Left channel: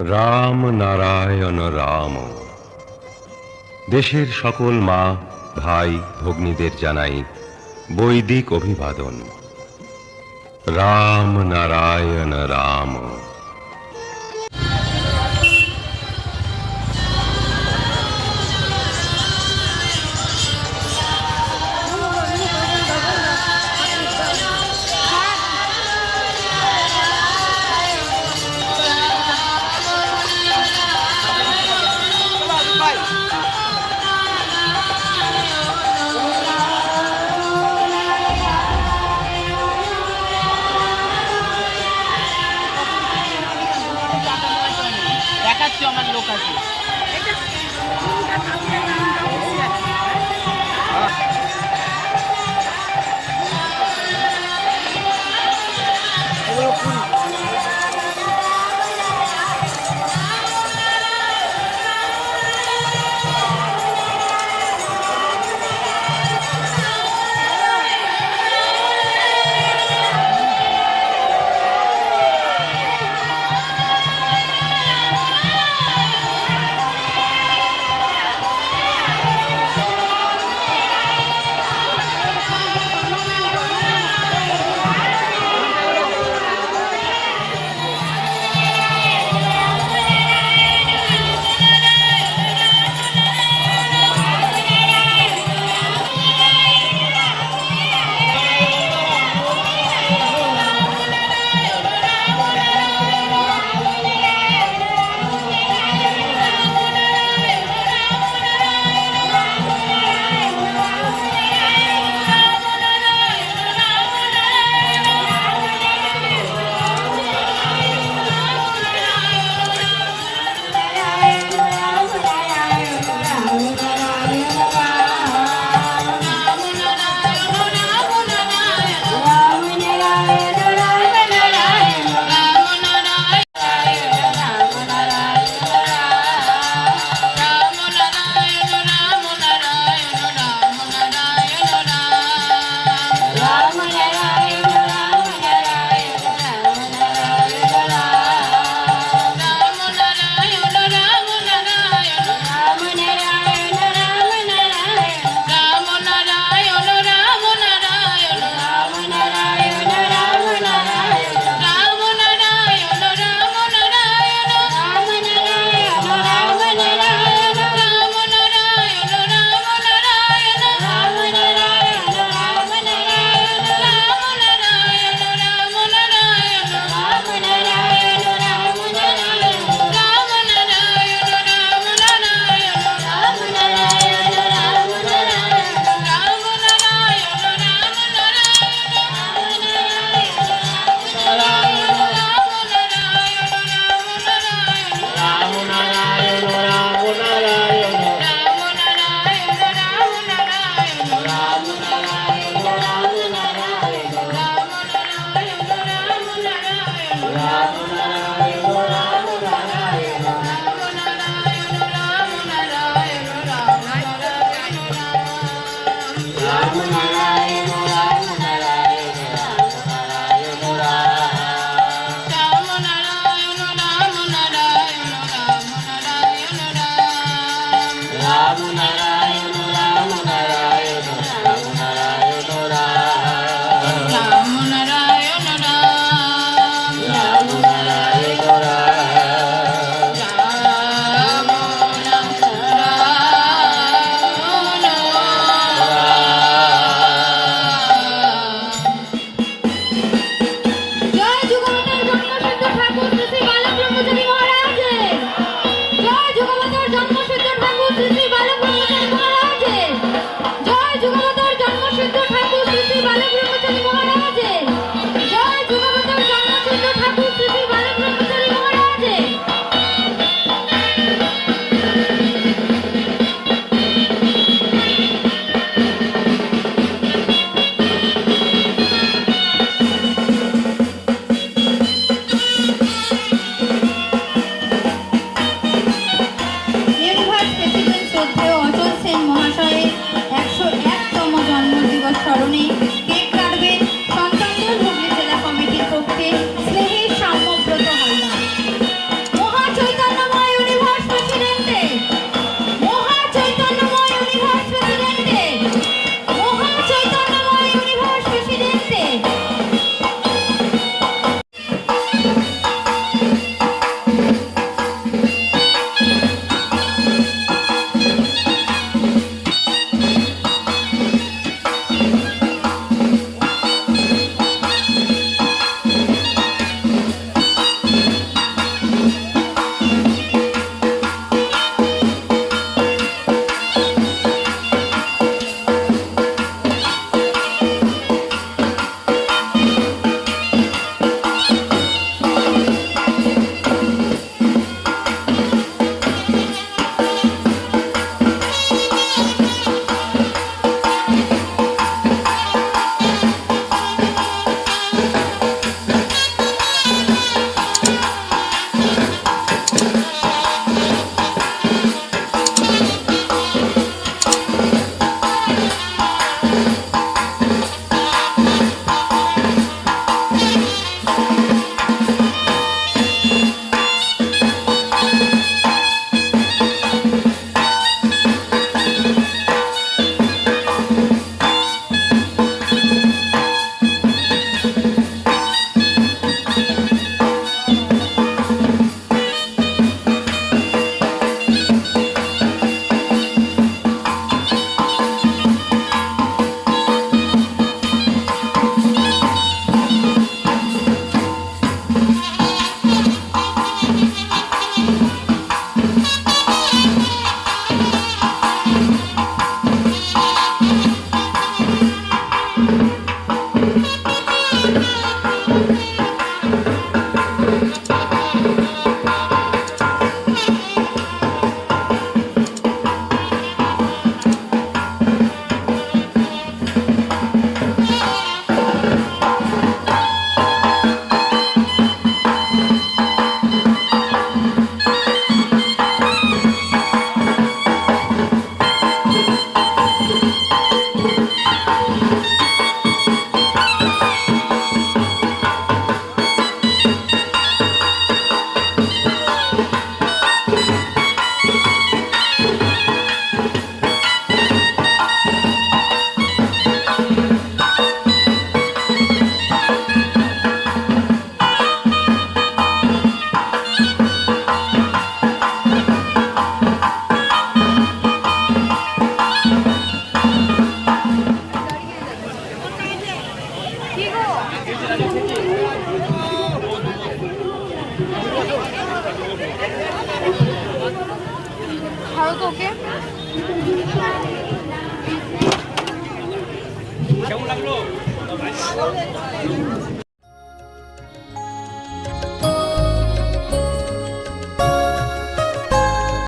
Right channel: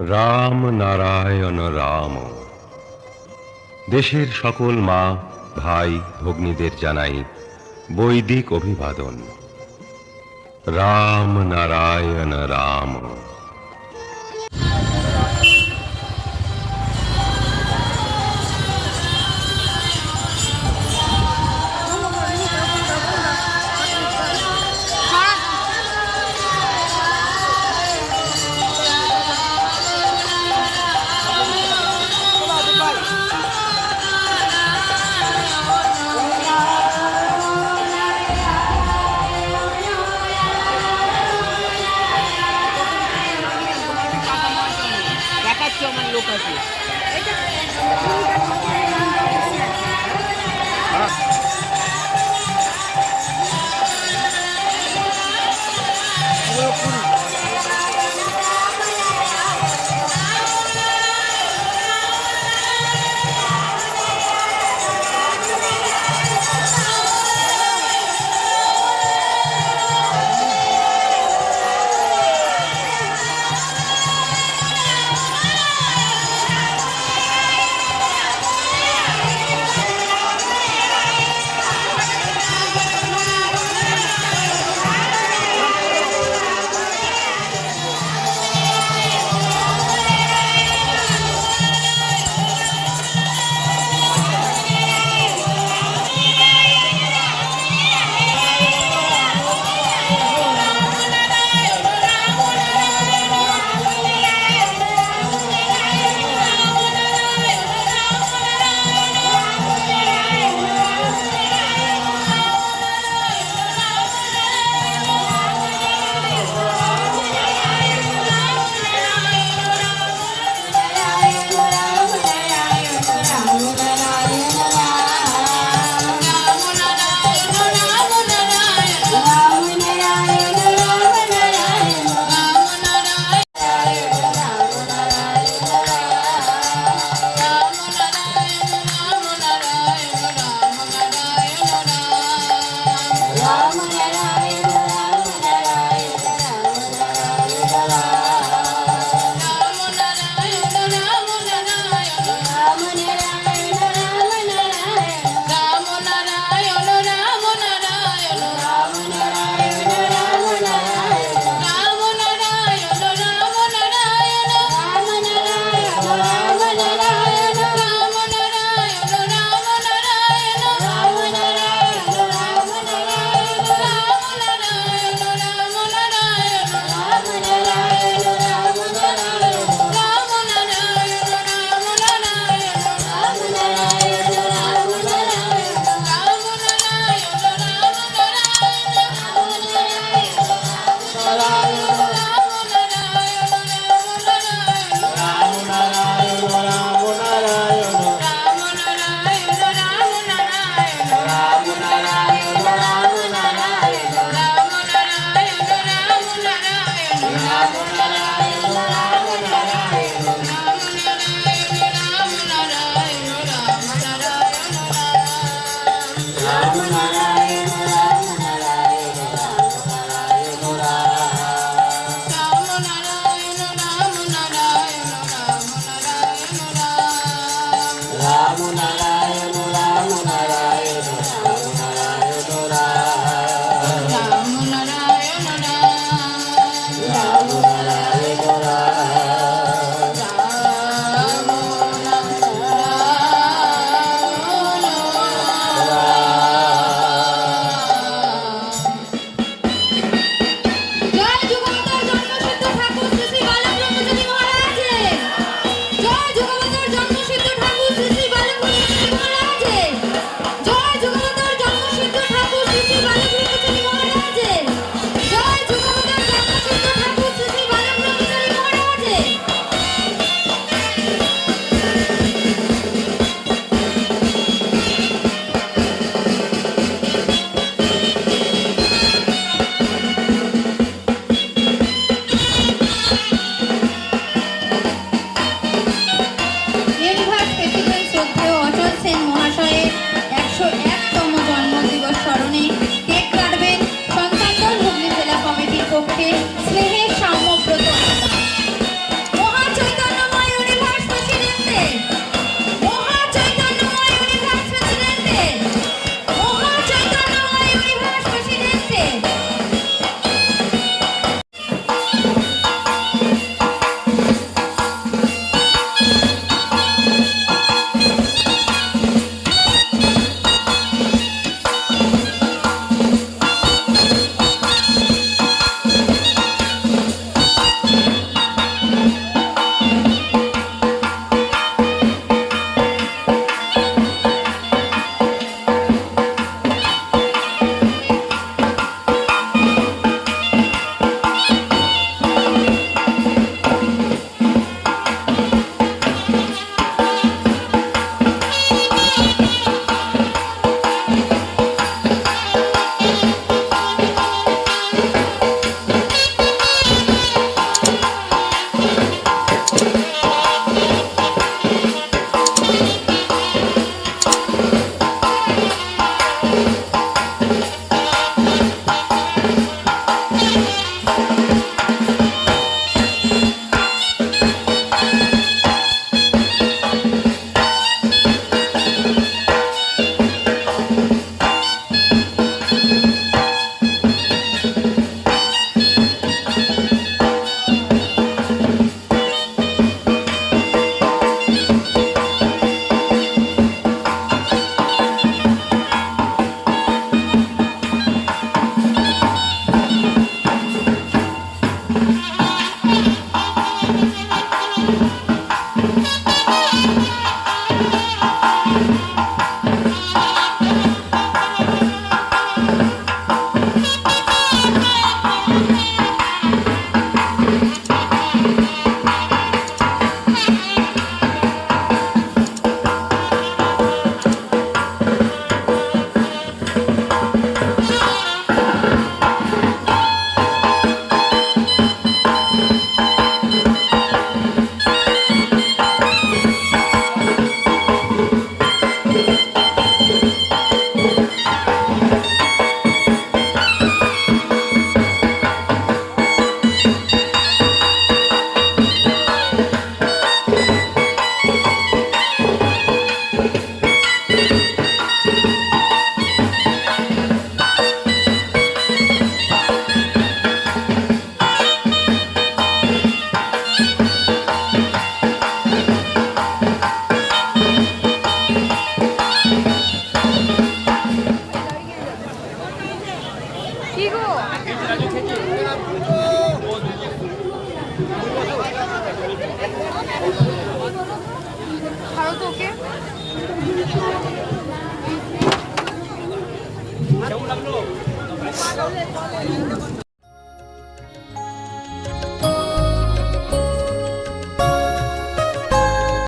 রাম নারায়ণ রাম। দেশের সকল মা ভাই ভগ্নীদের জানাই বৈদিক অভিবাদন। রাম নারায়ণ রাম। আমার লোক আছে। কেমন লাগল